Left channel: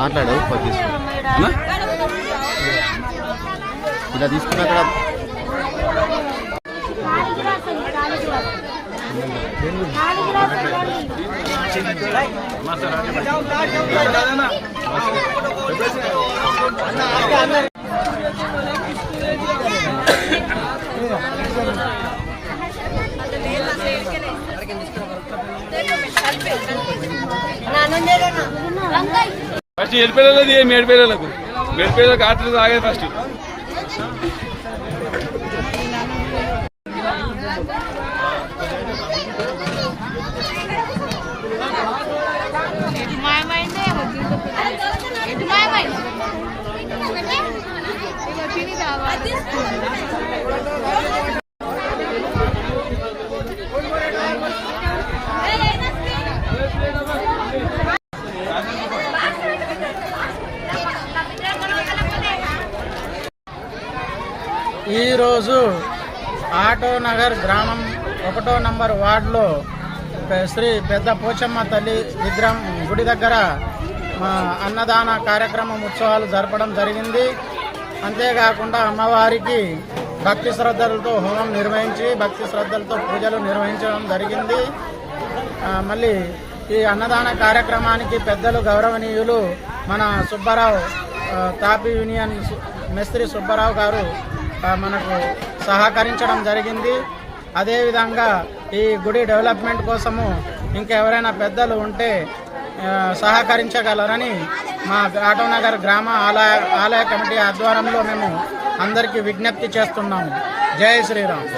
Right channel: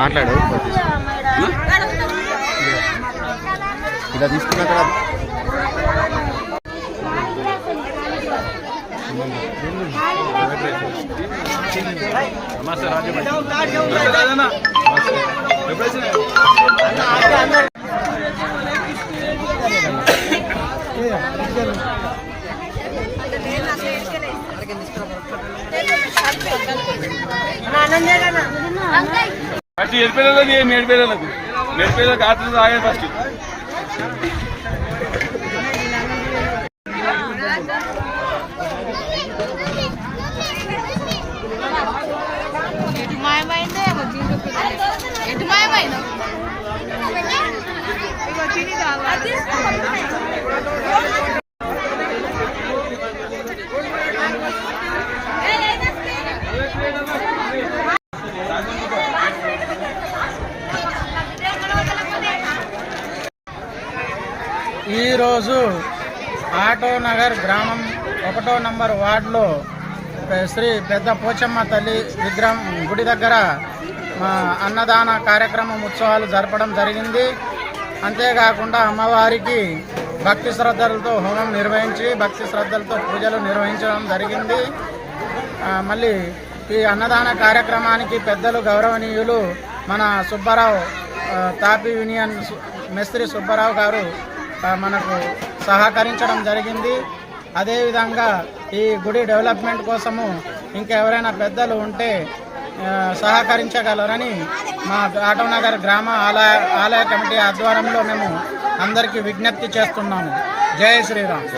మాట్లాడు ఇలా తీసుకున్నా అక్కడ ఫస్ట్ ఎడిపిల్లలది మేడిపిల్లలకు ఆటలు ఆగేది ఫస్ట్. ఈరోజు ఆటో నగర్ గ్రామం 1వ నంబర్ వార్డులో శ్రీ పెద్ద పోచమ్మ తల్లి విగ్రహం గుడి దగ్గర అన్నదాన కార్యక్రమం ఉత్సవాలు జరపడం జరిగింది. అంతేకాకుండా అమ్మవారికి భక్తి శ్రద్ధలతో హోమం నిర్వహించి భక్తి శ్రద్ధలతో పూజలు నిర్వహించడం జరిగింది. మళ్ళీ ఈ అన్నదాన కార్యక్రమానికి పెద్దలు గౌరవనీయులు మన సుబ్బారావు తాపీ యూనియన్ మేస్త్రి సుబ్బారావు గారు మనకు సహకరించడం జరిగింది. అదేవిధంగా ఈ గుడి డెవలప్మెంట్ కోసము ఇంకెవరైనా పెద్దలు ఉంటే సహకరించగలరని మా ఆటోనగర్ గ్రామ ఆలయ కమిటీ ఆధ్వర్యంలో మేము అందరికీ విజ్ఞప్తి చేస్తున్నాము. జై శ్రీరామ్.